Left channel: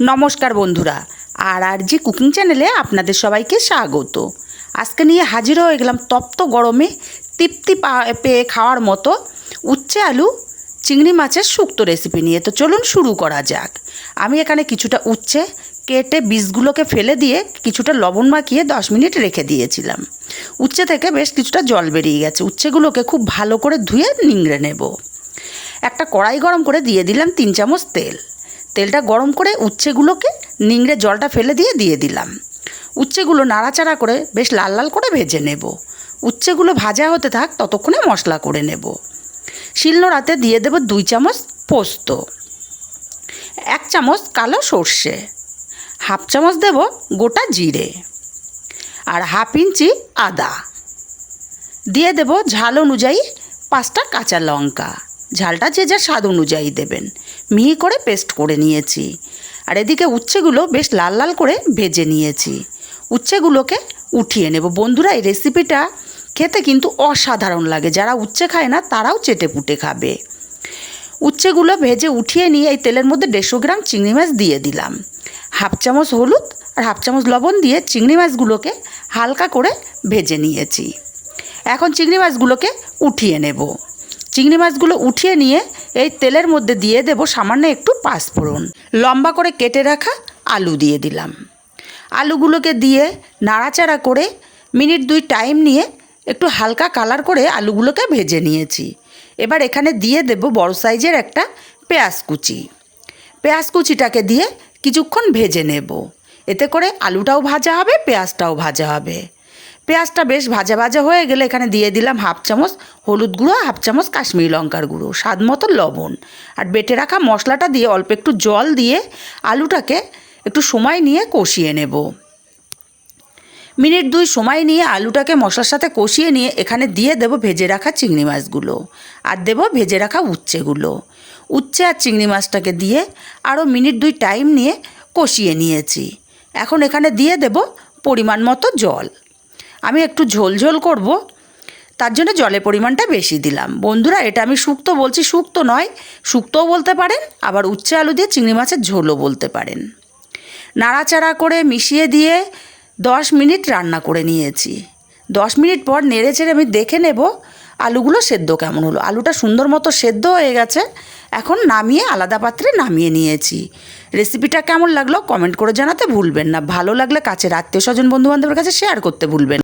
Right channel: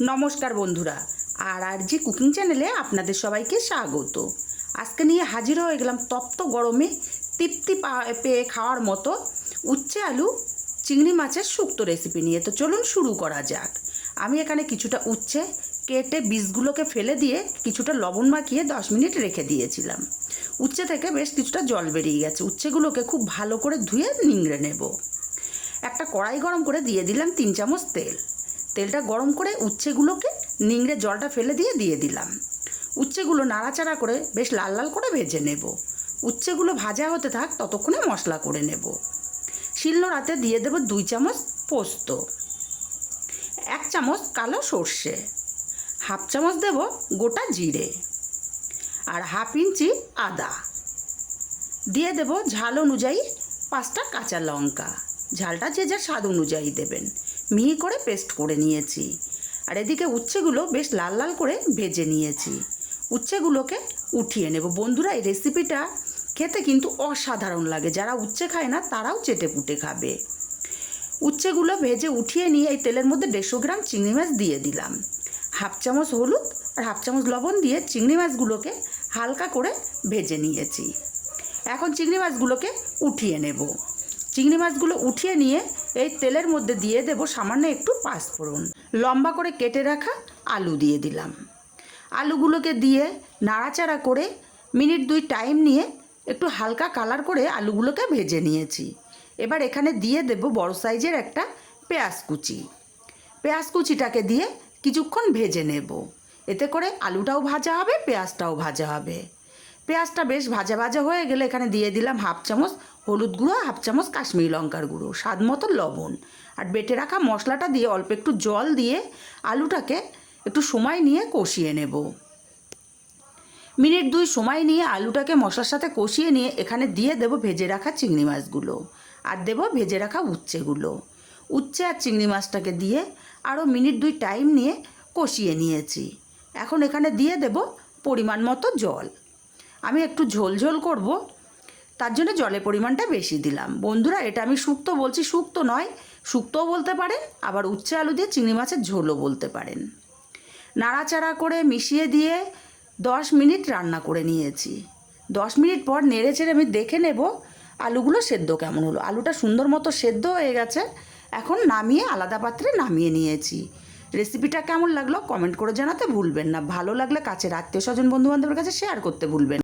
নমস্কার বন্ধুরা, আর আর জি কুকিং চ্যানেলে আপনাদের সবাইকে স্বাগত। আজকে নিয়ে হাজির হয়ে গেলাম তপ্ত গরমে তৃপ্তি পেয়ে খাওয়ার মতো উচ্ছে আলু চিংড়ি মাছের শুক্তো রেসিপি নিয়ে। তো চলুন শুরু করা যাক। আমি এখানে কিছুটা উচ্ছে কেটে বীজগুলোকে ফেলে দিয়ে কিছুটা লবণ মাখিয়ে দশ মিনিট রেখে দিয়েছিলাম। উচ্ছে থেকে বেশ কিছুটা জল বেরিয়ে গেছে। উচ্ছেগুলোকে খুব ভালো করে ধুয়ে নিংড়ে নেব। একটা কড়াই গরম করে দিয়ে দিলাম তিন চামচ তেল। তেলটা গরম করে উচ্ছেগুলোকে নিংড়ে জলটা ফেলে দিয়ে দিয়ে দিলাম। উচ্ছেগুলো নাড়াচাড়া করে বেশ লাল লাল করে ভেজে নেব। উচ্ছেগুলো ভাজা হতে থাক ততক্ষণে মশলা করে নেব। শিলনোড়াতে দিয়ে দেব দুই চামচ পোস্ত, এক চামচ কালো সর্ষে, হাফ চামচ দেব গোটা জিরে আর হাফ ইঞ্চি আদা। দিয়ে দেব ঝাল অনুযায়ী পাঁচটা কাঁচা লঙ্কা। ঝালটা যে যার স্বাদ অনুযায়ী দেবেন। মিহি করে পেস্ট করে নিয়েছি। আর এদিকে উচ্ছেগুলো বেশ লাল লাল করে ভেজে নিয়েছি। উচ্ছেগুলোকে উঠিয়ে নেব। বন্ধুরা, এই রেসিপিটা খেতে কিন্তু অসাধারণ লাগে। যারা উচ্ছে খায় না, তারাও চেটে পুটে খাবে। উচ্ছেগুলো ভেজে উঠিয়ে নিয়ে এই তেলের মধ্যে দেড়শো গ্রাম চিংড়ি মাছ দিয়ে দিলাম। হাফ চামচ হলুদ আর হাফ চামচ লবণ দিয়ে চিংড়ি মাছগুলোকে হালকা করে ভেজে নিয়েছি। এখন চিংড়ি মাছগুলোকে উঠিয়ে নেব। চিংড়ি মাছগুলো উঠিয়ে নিয়ে এই তেলের মধ্যে দিয়ে দেব সামান্য একটু পাঁচফোড়ন লম্বা করে কেটে রাখা আলু দিয়ে দিলাম। আলুগুলোকে দিয়ে নাড়াচাড়া করে মিনিট দুই টাইম নিয়ে একটু হালকা কালার করে আলুগুলোকে ভেজে নিয়েছি। এবার এখানে দিয়ে দেব বড় সাইজের একটা পেঁয়াজ কুচি। পেঁয়াজ কুচিটাকে দিয়ে কিছুক্ষণ ভেজে নেব। এতে করে আলুটাও ভাজা হবে, পেঁয়াজটাও ভাজা হবে। পেঁয়াজটা বেশ ভাজা ভাজা হয়ে গেলে এখানে দিয়ে দিলাম হাফ চামচ হলুদ গুঁড়ো, হাফ চামচ কাশ্মীরি লঙ্কার গুঁড়ো, স্বাদ মতো লবণ। আর বেটে রাখা মশলাটা দিয়ে অল্প একটু জল দিয়ে আলুটাকে একটু সময় নিয়ে কষিয়ে নেব। মিনিট দুই সময় নিয়ে আলুটাকে মশলার সাথে কষিয়ে নিয়ে এখানে দিয়ে দেব ভেজে রাখা চিংড়ি মাছগুলো আর দেব ভেজে রাখা উচ্ছেগুলো। উচ্ছে আর চিংড়ি মাছটাকে দিয়ে আরও মিনিট দুই টাইম নিয়ে কষিয়ে নিয়েছি। এখন এখানে দিয়ে দেব পরিমাণ মতো জল। আমি একটু ঝোল ঝোল করব, তার জন্য জলের পরিমাণটা বেশি দিলাম। বন্ধুরা, এটা আমি শুক্তো বলছি, শুক্তো নয়, শুক্তোও বলতে পারেন, আবার উচ্ছে আলু দিয়ে চিংড়ি মাছের ঝোলও বলতে পারেন। নাড়াচাড়া করে মিশিয়ে দিয়ে দশ মিনিট রান্না করে নিয়েছি। দশ মিনিট পর নেড়ে চেড়ে আমি দেখে নেব আলুগুলো সেদ্ধ কেমন হলো। আলুটা সুন্দর মতো সেদ্ধ হয়ে গেছে, এখন নামিয়ে আলাদা পাত্রে নামিয়ে নিয়েছি। রেসিপিটা কেমন লাগল কমেন্ট করে জানাতে ভুলবেন না, ভালো লাগলে কাছের আত্মীয় স্বজন বন্ধুবান্ধবের কাছে শেয়ার করতে ভুলবেন।